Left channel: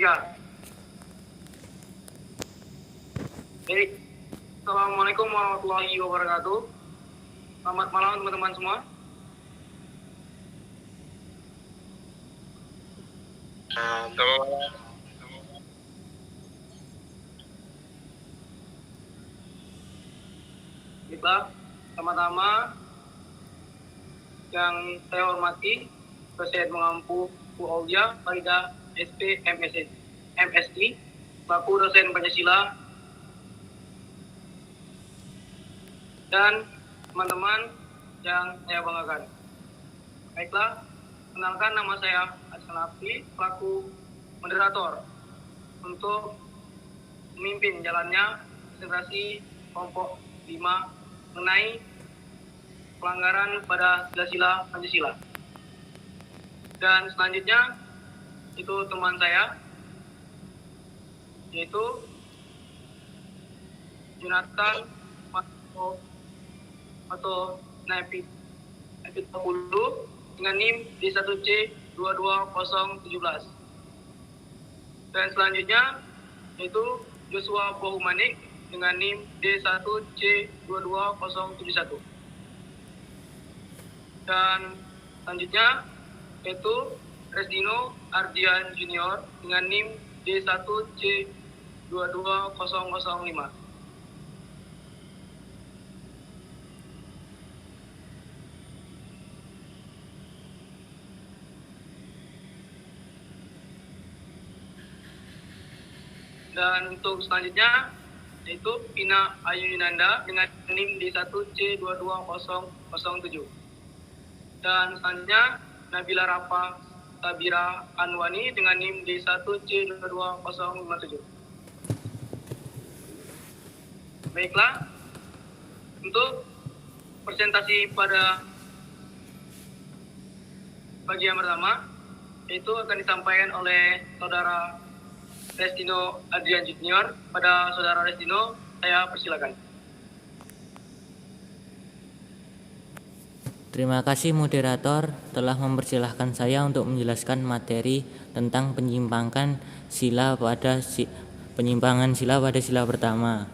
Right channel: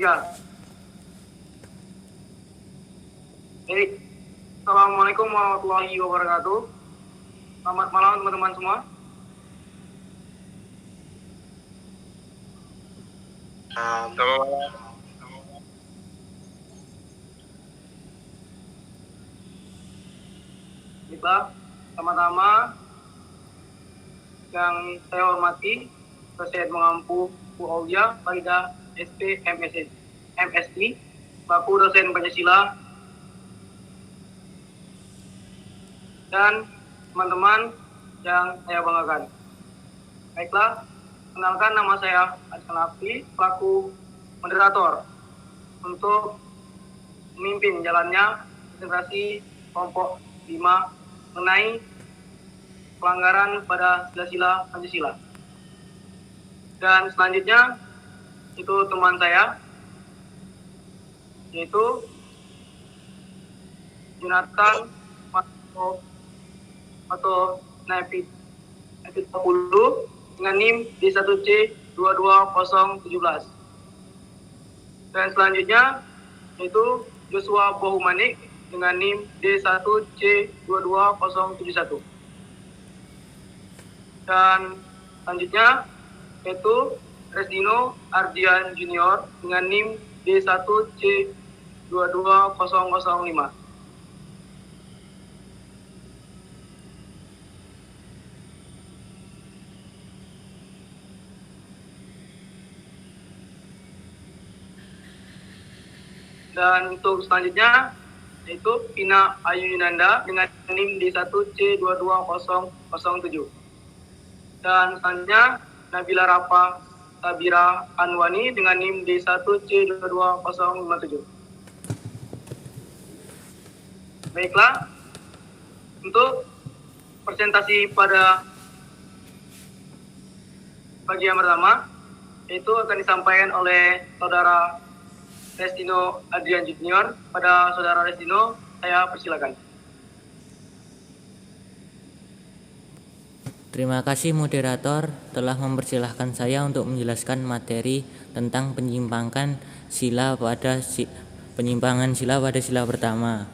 Tiga. Baik. Assalamualaikum warahmatullahi wabarakatuh. Selamat malam teman-teman semua. Selamat malam. Baiklah, pertama-tama yang saya hormati Presiden Mengampu Bu Aulia Farida SP MSI, selaku dosen Pancasila, dan teman-teman yang saya banggakan. Baiklah, kenalkan nama saya Hasan Lafti, selaku moderator untuk memimpin jalannya konsentrasi kelompok 5 mengenai pelanggaran pada sila-sila Pancasila. Dan selanjutnya itu teman saya, yaitu Jonathan atau Nepit 20 dengan NIM D1C 22017. Dan selanjutnya yaitu Joshua Bohumanik dengan NIM D1C 22071. Dan selanjutnya yaitu Resdino Ardian Junior dengan NIM D1C 22005. Dan untuk selanjutnya yaitu Pina Ayu Yunanda dengan NIM D1C 22007. Dan selanjutnya Nabila Rafa Sabira Anwani dengan NIM D1C 22057. Baiklah, untuk presentasi pada bagian pertama itu akan disampaikan oleh Saudara Resdino Adrian Junior. Pada Saudara Resdino, saya persilakan. Terima kasih moderator telah mempersilahkan saya untuk menjelaskan materi tentang penyimpangan sila pada sila pertama.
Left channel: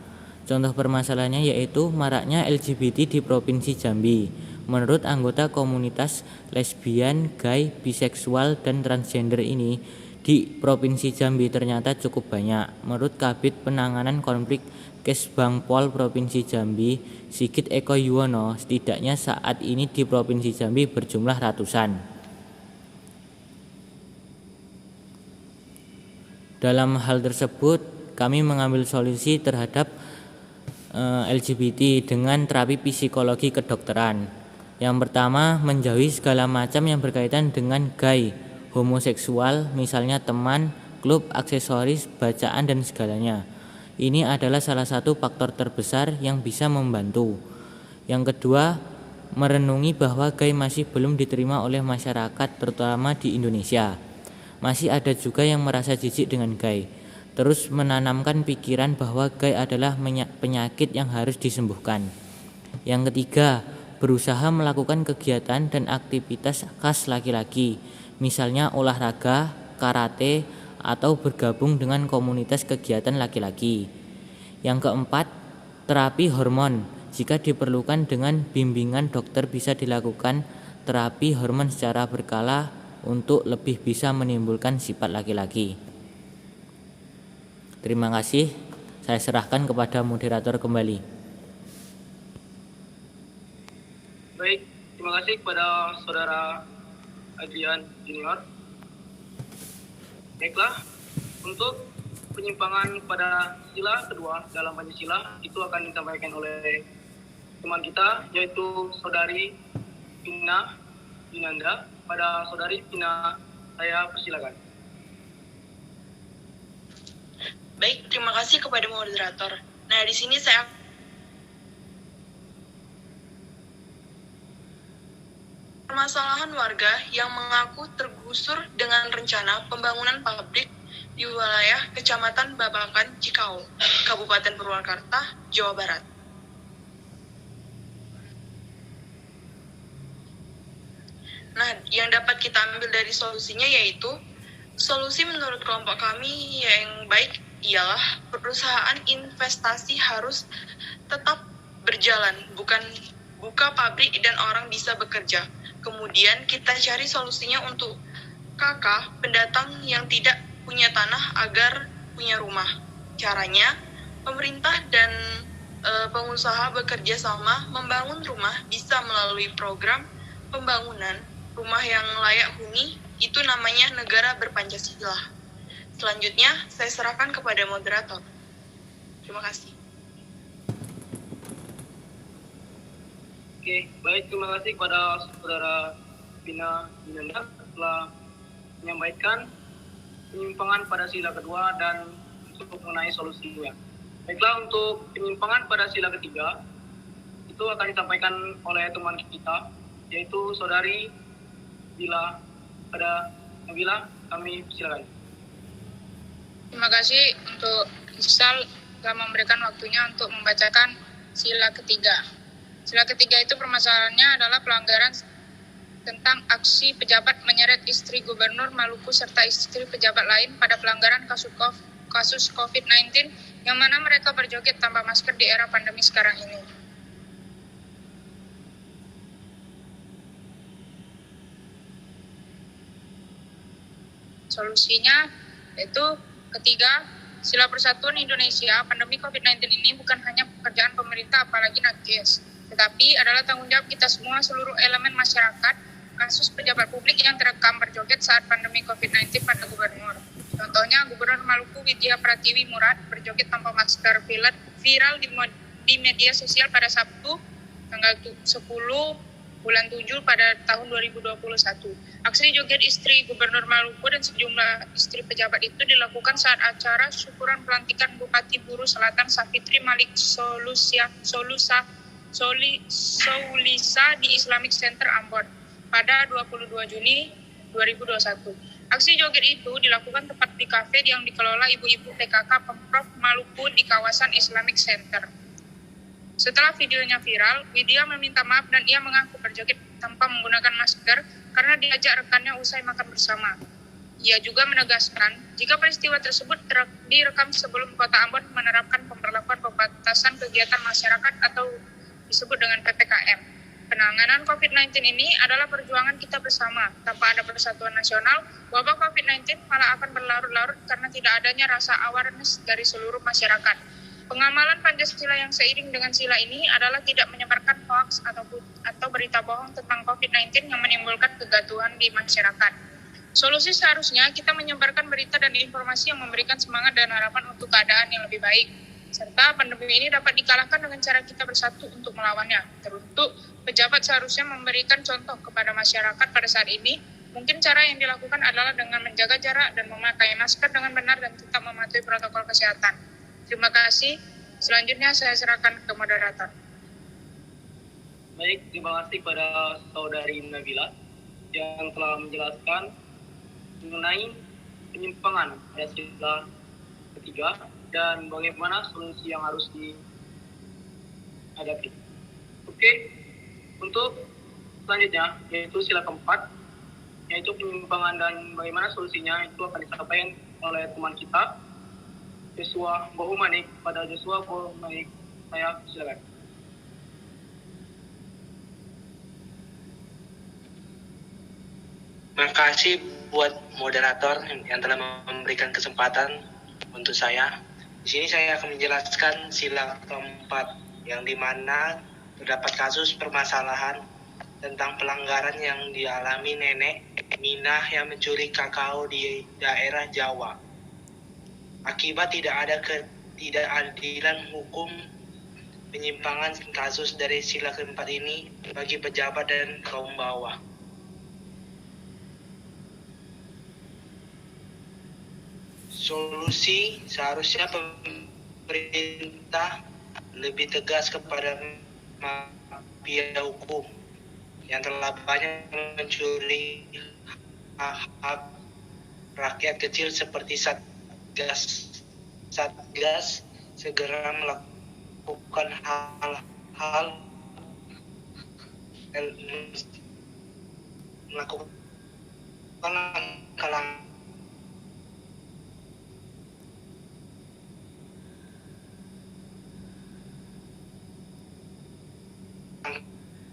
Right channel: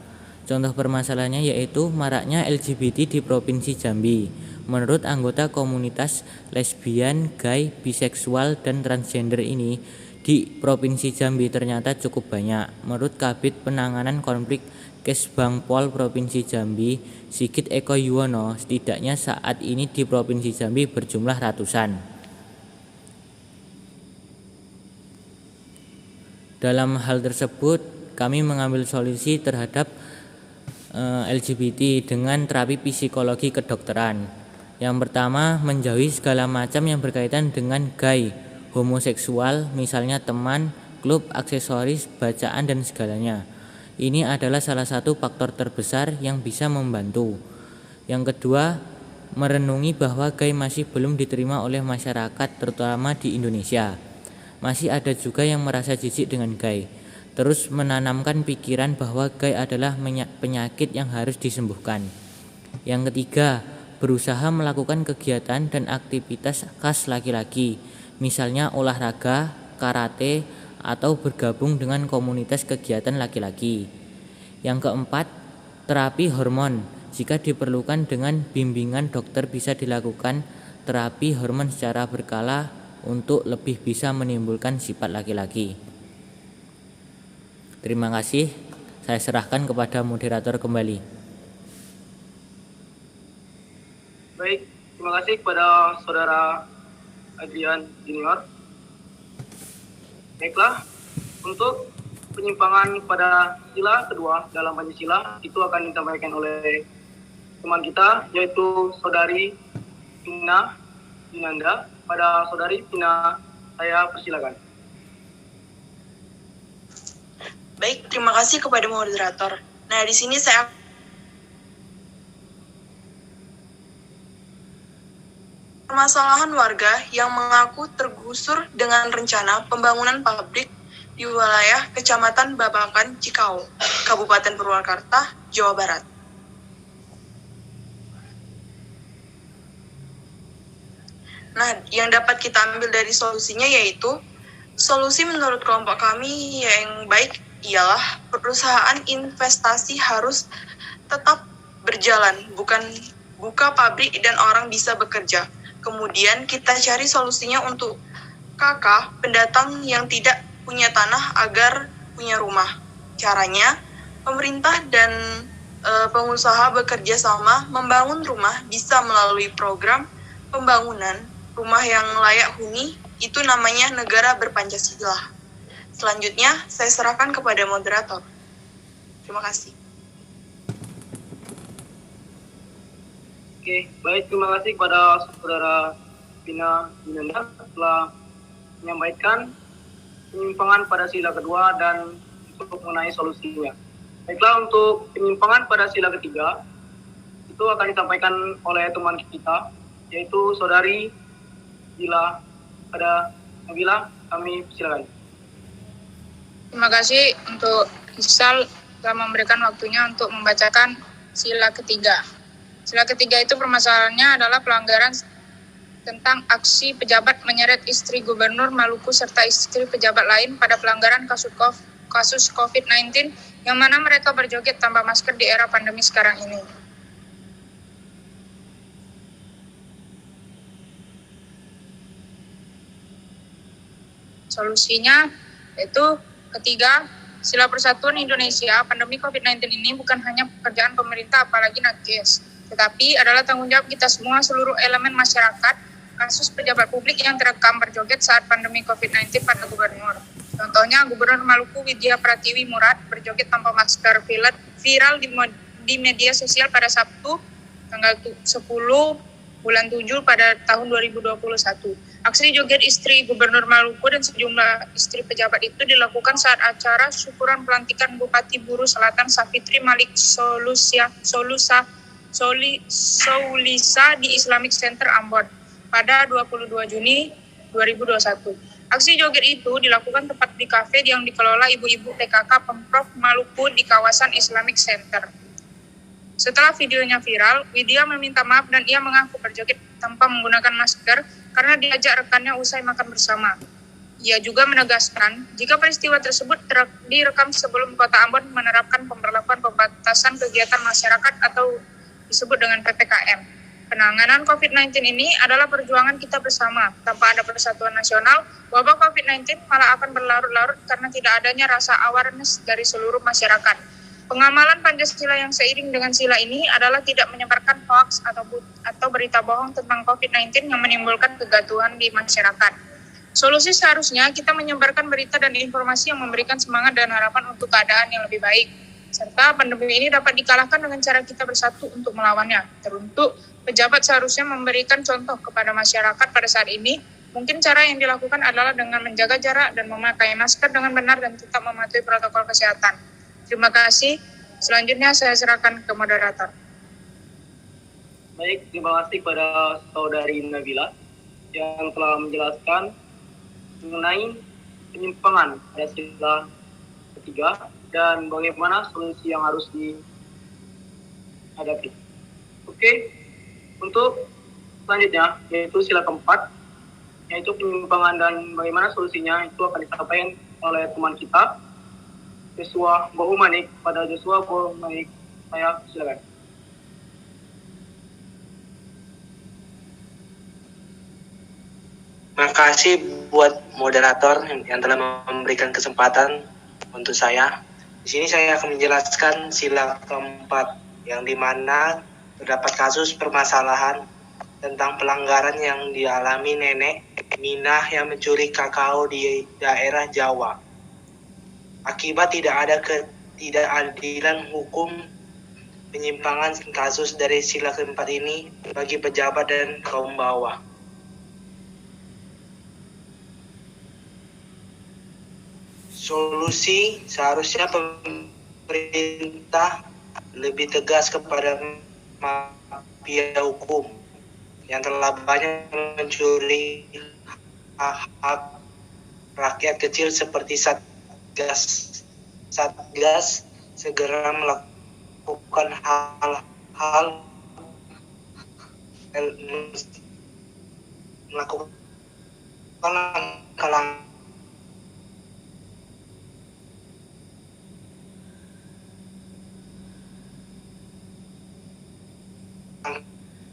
Contoh permasalahannya yaitu maraknya LGBT di Provinsi Jambi. Menurut anggota komunitas lesbian, gay, biseksual, dan transgender ini di Provinsi Jambi ternyata cukup banyak. Menurut Kabid Penanganan Konflik Kesbangpol Provinsi Jambi, Sigit Eko Yuwono, setidaknya saat ini di Provinsi Jambi berjumlah ratusan. Dalam hal tersebut, kami mengambil solusi terhadap LGBT dengan terapi psikologi kedokteran. Yang pertama, menjauhi segala macam yang berkaitan dengan gay, homoseksual, misalnya teman, klub, aksesoris, bacaan, dan segalanya. Ini adalah salah satu faktor terbesar yang bisa membantu. Yang kedua, merenungi bahwa gay masih belum diterima oleh masyarakat, terutama di Indonesia. Masih ada juga yang merasa jijik dengan gay. Terus menanamkan pikiran bahwa gay adalah penyakit yang harus disembuhkan. Yang ketiga, berusaha melakukan kegiatan dan aktivitas khas laki-laki, misalnya olahraga, karate, atau bergabung dengan komunitas kegiatan laki-laki. Yang keempat, terapi hormon. Jika diperlukan dengan bimbingan dokter bisa dilakukan terapi hormon secara berkala untuk lebih bisa menimbulkan sifat laki-laki. Terima kasih, saya serahkan kepada moderator kembali. Baik, terima kasih kepada Saudara Adrian Junior. Baiklah, untuk penyimpangan pada sila kedua dalam Pancasila itu akan disampaikan oleh teman kita, yaitu Saudari Pina Yunanda. Pada Saudari Pina, saya persilakan. Baik, terima kasih kepada moderator. Nah, di sini saya permasalahan warga yang mengaku tergusur dengan rencana pembangunan pabrik di wilayah Kecamatan Babakan, Cikau, Kabupaten Purwakarta, Jawa Barat. Nah, yang dapat kita ambil dari solusinya yaitu Solusi menurut kelompok kami yang baik ialah perusahaan investasi harus tetap berjalan, bukan buka pabrik dan orang bisa bekerja. Kemudian kita cari solusinya untuk kakak pendatang yang tidak punya tanah agar punya rumah. Caranya, pemerintah dan pengusaha bekerja sama membangun rumah bisa melalui program pembangunan rumah yang layak huni, itu namanya negara berpancasila. Selanjutnya, saya serahkan kepada moderator. Terima kasih. Oke, baik, terima kasih kepada Saudara Vina Winanda telah menyampaikan penyimpangan pada sila kedua dan untuk mengenai solusinya. Baiklah, untuk penyimpangan pada sila ketiga itu akan disampaikan oleh teman kita, yaitu Saudari Bila. Pada Nabila, kami silakan. Terima kasih untuk Isal telah memberikan waktunya untuk membacakan sila ketiga. Sila ketiga itu permasalahannya adalah pelanggaran tentang aksi pejabat menyeret istri Gubernur Maluku serta istri pejabat lain pada pelanggaran kasus COVID-19 yang mana mereka berjoget tanpa masker di era pandemi sekarang ini. Solusinya yaitu ketiga, sila persatuan Indonesia, pandemi COVID-19 ini bukan hanya pekerjaan pemerintah apalagi nakes, tetapi adalah tanggung jawab kita semua seluruh elemen masyarakat. Kasus pejabat publik yang terekam berjoget saat pandemi COVID-19 pada gubernur. Contohnya, Gubernur Maluku Widya Pratiwi Murad berjoget tanpa masker viral di media sosial pada Sabtu, tanggal 10 bulan 7 pada tahun 2021. Aksi joget istri Gubernur Maluku dan sejumlah istri pejabat itu dilakukan saat acara syukuran pelantikan Bupati Buru Selatan Safitri Malik Soulisa di Islamic Center Ambon pada 22 Juni 2021. Aksi joget itu dilakukan tepat di kafe yang dikelola ibu-ibu PKK Pemprov Maluku di kawasan Islamic Center. Setelah videonya viral, Widya meminta maaf dan ia mengaku berjoget tanpa menggunakan masker karena diajak rekannya usai makan bersama. Ia juga menegaskan, jika peristiwa tersebut direkam sebelum Kota Ambon menerapkan pemberlakuan pembatasan kegiatan masyarakat atau disebut dengan PPKM. Penanganan COVID-19 ini adalah perjuangan kita bersama. Tanpa ada persatuan nasional, wabah COVID-19 malah akan berlarut-larut karena tidak adanya rasa awareness dari seluruh masyarakat. Pengamalan Pancasila yang seiring dengan sila ini adalah tidak menyebarkan hoax atau berita bohong tentang COVID-19 yang menimbulkan kegaduhan di masyarakat. Solusi seharusnya kita menyebarkan berita dan informasi yang memberikan semangat dan harapan untuk keadaan yang lebih baik. Serta pandemi ini dapat dikalahkan dengan cara kita bersatu untuk melawannya. Teruntuk, pejabat seharusnya memberikan contoh kepada masyarakat pada saat ini. Mungkin cara yang dilakukan adalah dengan menjaga jarak dan memakai masker dengan benar dan tetap mematuhi protokol kesehatan. Terima kasih. Selanjutnya saya serahkan ke moderator. Baik, terima kasih kepada Saudari Nabila yang telah menjelaskan mengenai penyimpangan pada sila ketiga dan bagaimana solusi yang harus dihadapi. Oke, untuk selanjutnya yaitu sila keempat, yaitu penyimpangan dan bagaimana solusinya itu akan disampaikan oleh teman kita, Joshua Bohumanik. Pada Joshua Bohumanik, saya silakan. Terima kasih buat moderator yang telah memberikan kesempatan untuk saya. Di sini saya akan menjelaskan sila keempat, yang dimana terdapat kasus permasalahan tentang pelanggaran yang dialami nenek Minah yang mencuri kakao di daerah Jawa. Akibat tidak ada ketidakadilan hukum, penyimpangan kasus dari sila keempat ini bagi pejabat dan kaum bawah. Solusi seharusnya pemerintah lebih tegas kepada mafia hukum yang telah banyak mencuri hak rakyat kecil seperti Satgas segera melakukan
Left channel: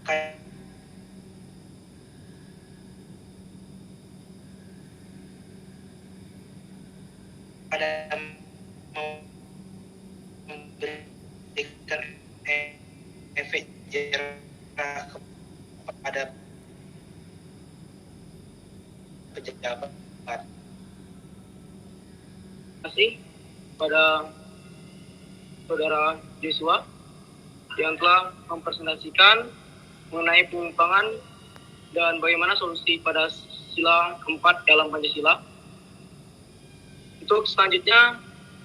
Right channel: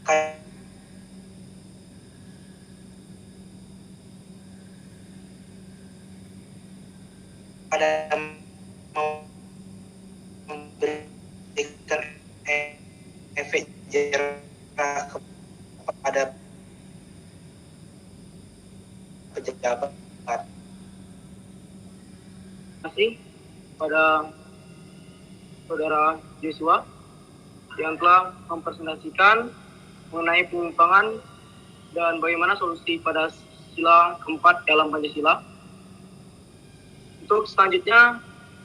ada memberikan efek jerah kepada pejabat. Terima kasih pada Saudara Joshua yang telah mempresentasikan mengenai penyimpangan dan bagaimana solusi pada sila keempat dalam Pancasila. Untuk selanjutnya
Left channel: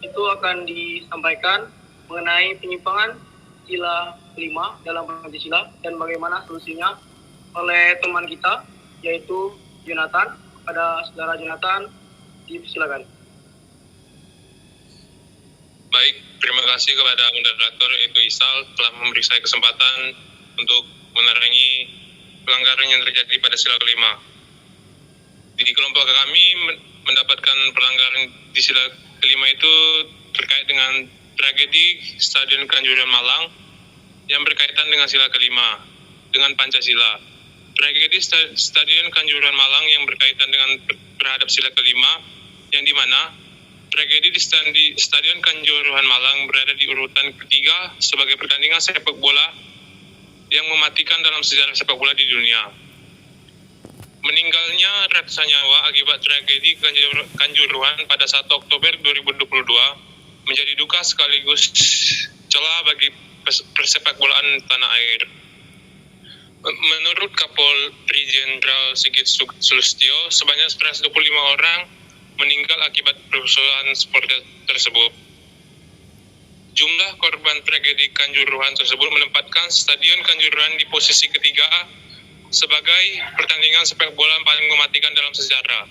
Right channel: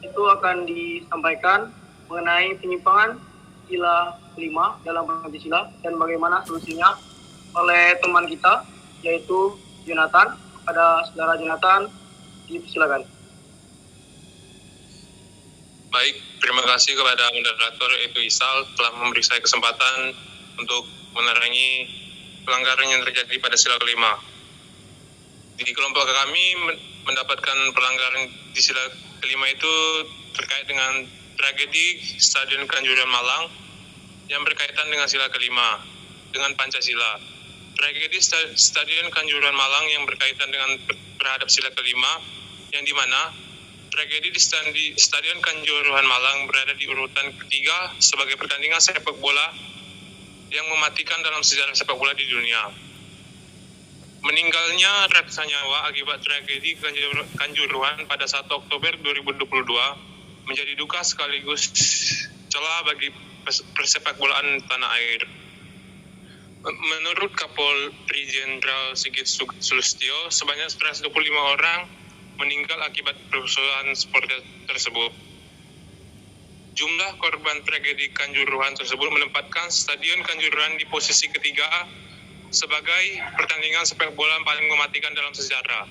itu akan disampaikan mengenai penyimpangan sila kelima dalam Pancasila dan bagaimana solusinya oleh teman kita yaitu Jonathan. Pada Saudara Jonathan, dipersilakan. Baik, terima kasih kepada moderator yaitu Isal telah memberi saya kesempatan untuk menerangi pelanggaran yang terjadi pada sila kelima. Di kelompok kami mendapatkan pelanggaran di sila kelima itu terkait dengan tragedi Stadion Kanjuruhan Malang yang berkaitan dengan sila kelima, dengan Pancasila. Tragedi Stadion Kanjuruhan Malang yang berkaitan dengan terhadap sila kelima, yang dimana tragedi di Stadion Kanjuruhan Malang berada di urutan ketiga sebagai pertandingan sepak bola yang mematikan dalam sejarah sepak bola di dunia. Meninggalnya ratusan nyawa akibat tragedi Kanjuruhan pada 1 Oktober 2022 menjadi duka sekaligus celah bagi persepak bolaan tanah air. Menurut Kapolri Jenderal Sigit Sulustyo, sebanyak 125 orang meninggal akibat kerusuhan supporter tersebut. Jumlah korban tragedi Kanjuruhan tersebut menempatkan Stadion Kanjuruhan di posisi ketiga sebagai pertandingan sepak bola paling mematikan dalam sejarah.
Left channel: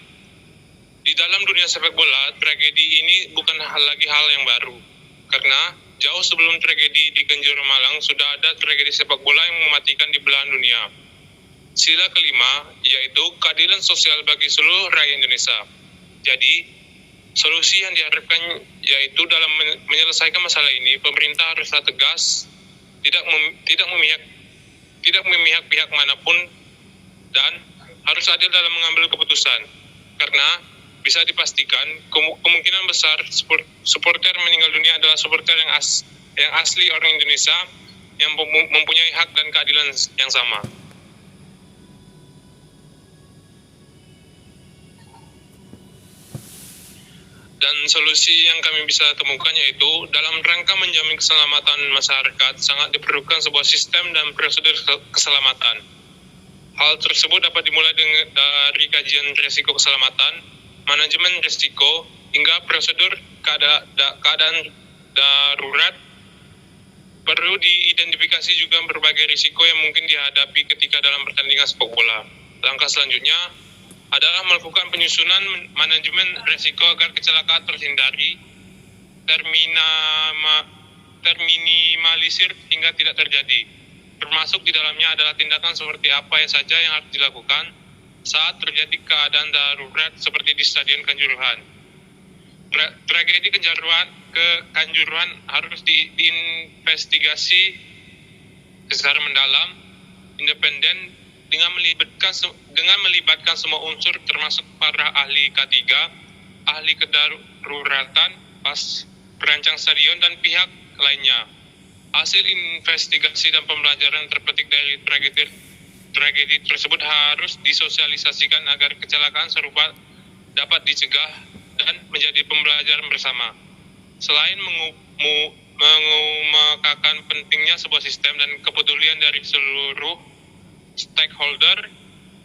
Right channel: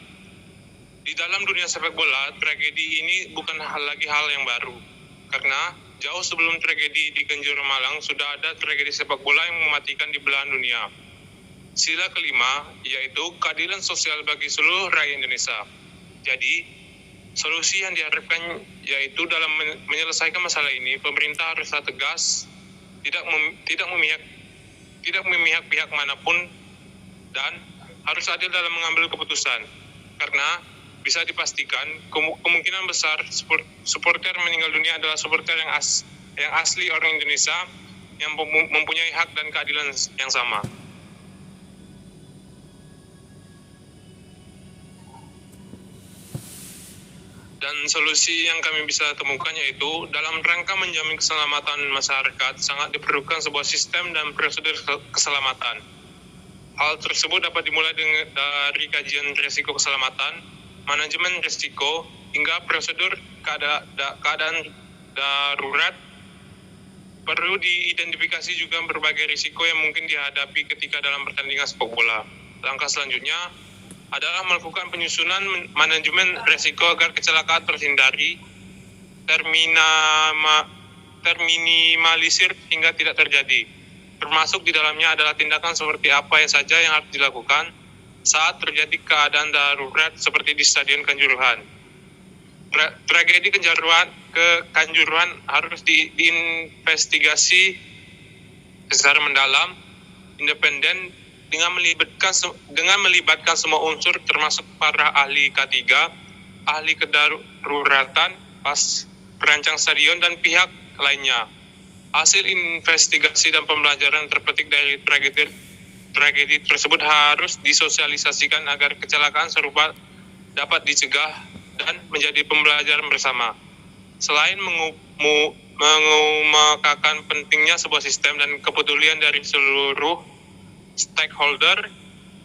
Di dalam dunia sepak bola, tragedi ini bukan lagi hal yang baru, karena jauh sebelum tragedi di Kanjuruhan Malang sudah ada tragedi sepak bola yang mematikan di belahan dunia. Sila kelima yaitu keadilan sosial bagi seluruh rakyat Indonesia. Jadi, solusi yang diharapkan yaitu dalam menyelesaikan masalah ini, pemerintah haruslah tegas, tidak memihak pihak manapun, dan harus adil dalam mengambil keputusan. Karena bisa dipastikan kemungkinan besar supporter meninggal dunia adalah supporter yang asli orang Indonesia yang mempunyai hak dan keadilan yang sama. Dan solusi yang kami bisa temukan yaitu dalam rangka menjamin keselamatan masyarakat sangat diperlukan sebuah sistem dan prosedur keselamatan. Hal tersebut dapat dimulai dari kajian risiko keselamatan, manajemen risiko, hingga prosedur keadaan darurat. Perlu diidentifikasi juga berbagai risiko yang mungkin dihadapi ketika dalam pertandingan sepak bola. Langkah selanjutnya adalah melakukan penyusunan manajemen risiko agar kecelakaan terhindari, terminimalisir hingga tidak terjadi. Termasuk di dalamnya adalah tindakan seperti apa saja yang harus dilakukan saat terjadi keadaan darurat seperti di Stadion Kanjuruhan. Tragedi Kanjuruhan harus diinvestigasi secara mendalam, independen, dengan melibatkan semua unsur termasuk para ahli K3, ahli kedaruratan, perancang stadion, dan pihak lainnya. Hasil investigasi dan pembelajaran terpetik dari tragedi tersebut harus disosialisasikan agar kecelakaan serupa dapat dicegah dan menjadi pembelajaran bersama. Selain mengemukakan pentingnya sebuah sistem dan kepedulian dari seluruh stakeholder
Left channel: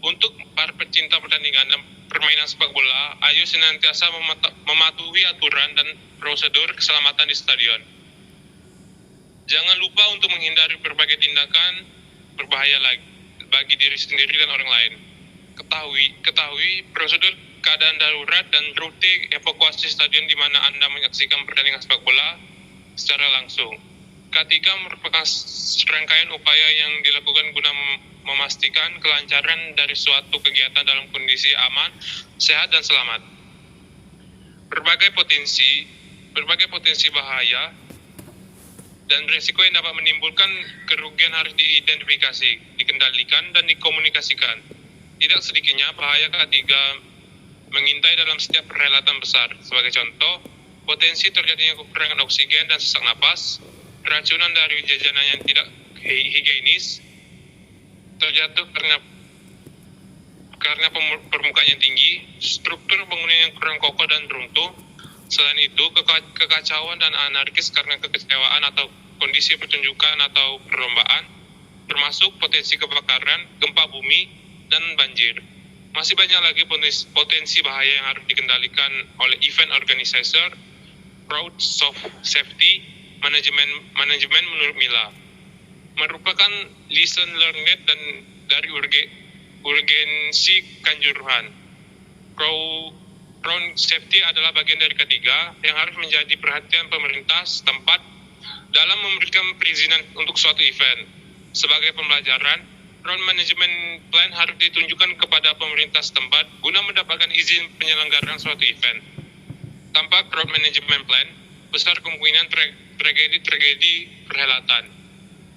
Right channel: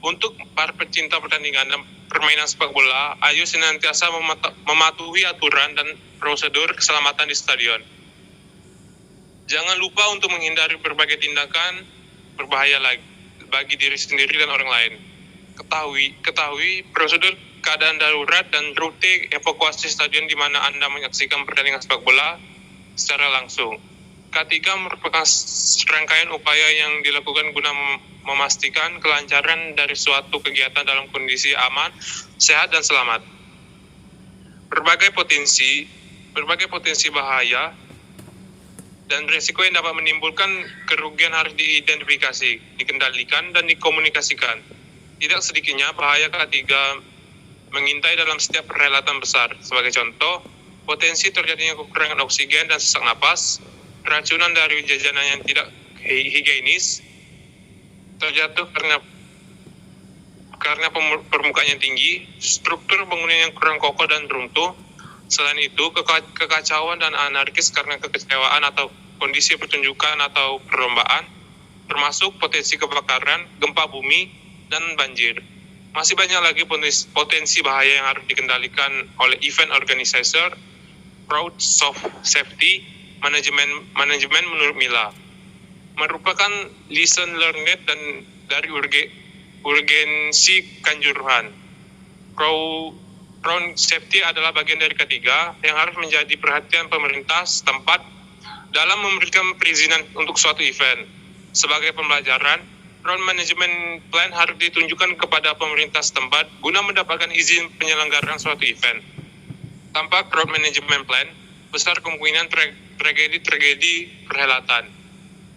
untuk para pecinta pertandingan dan permainan sepak bola, ayo senantiasa mematuhi aturan dan prosedur keselamatan di stadion. Jangan lupa untuk menghindari berbagai tindakan berbahaya bagi diri sendiri dan orang lain. Ketahui prosedur keadaan darurat dan rute evakuasi stadion di mana Anda menyaksikan pertandingan sepak bola secara langsung. Ketiga merupakan serangkaian upaya yang dilakukan guna memastikan kelancaran dari suatu kegiatan dalam kondisi aman, sehat, dan selamat. Berbagai potensi bahaya dan risiko yang dapat menimbulkan kerugian harus diidentifikasi, dikendalikan, dan dikomunikasikan. Tidak sedikitnya bahaya ketiga mengintai dalam setiap perhelatan besar. Sebagai contoh, potensi terjadinya kekurangan oksigen dan sesak napas, keracunan dari jajanan yang tidak higienis, terjatuh karena permukaan yang tinggi, struktur bangunan yang kurang kokoh dan runtuh. Selain itu, kekacauan dan anarkis karena kekecewaan atau kondisi pertunjukan atau perlombaan, termasuk potensi kebakaran, gempa bumi, dan banjir. Masih banyak lagi potensi bahaya yang harus dikendalikan oleh event organizer, crowd safety, manajemen menurut Mila. Merupakan lesson learned dan dari urgensi kanjuruhan. Crowd safety adalah bagian dari ketiga yang harus menjadi perhatian pemerintah setempat dalam memberikan perizinan untuk suatu event. Sebagai pembelajaran, crowd management plan harus ditunjukkan kepada pemerintah setempat guna mendapatkan izin penyelenggaraan suatu event. Tanpa crowd management plan, besar kemungkinan tragedi perhelatan.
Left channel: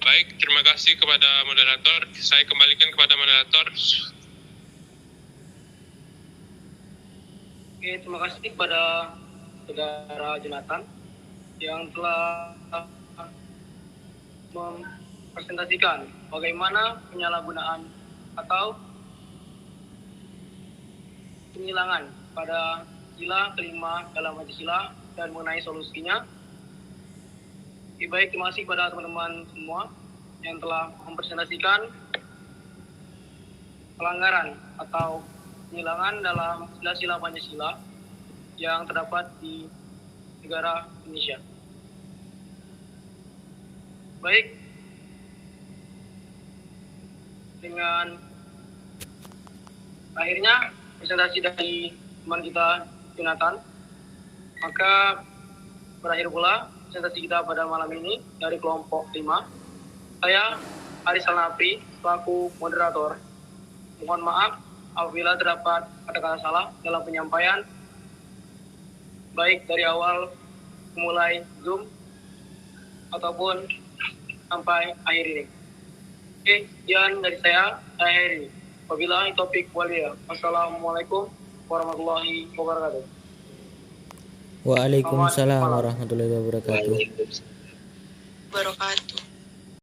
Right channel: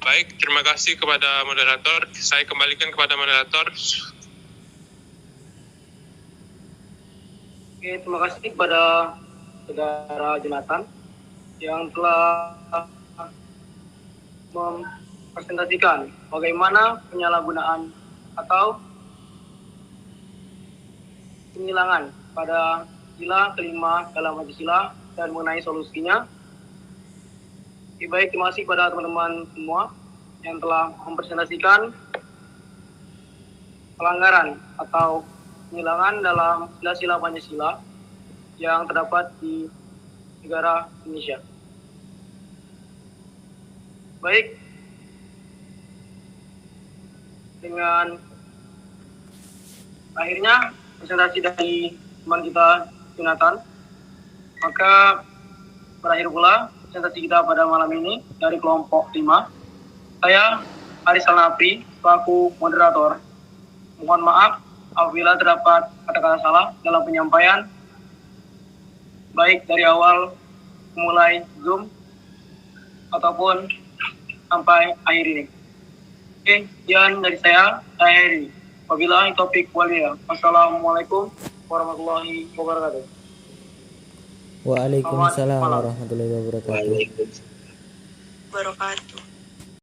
Baik, terima kasih kepada moderator. Saya kembalikan kepada moderator. Oke, terima kasih kepada Saudara Jonathan yang telah mempresentasikan bagaimana penyalahgunaan atau penghilangan pada sila kelima dalam Pancasila dan mengenai solusinya. Baik, terima kasih kepada teman-teman semua yang telah mempresentasikan pelanggaran atau penghilangan dalam sila-sila Pancasila yang terdapat di negara Indonesia. Baik, dengan akhirnya presentasi dari teman kita Jonathan, maka berakhir pula presentasi kita pada malam ini dari kelompok 5. Saya Aris Alnafri, selaku moderator. Mohon maaf apabila terdapat kata-kata salah dalam penyampaian, baik dari awal memulai Zoom ataupun sampai akhir ini. Oke, sekian dari saya Heri. Wabillahi taufiq walhidayah. Wassalamualaikum warahmatullahi wabarakatuh. Waalaikumsalam warahmatullahi wabarakatuh. Wabarakatuh.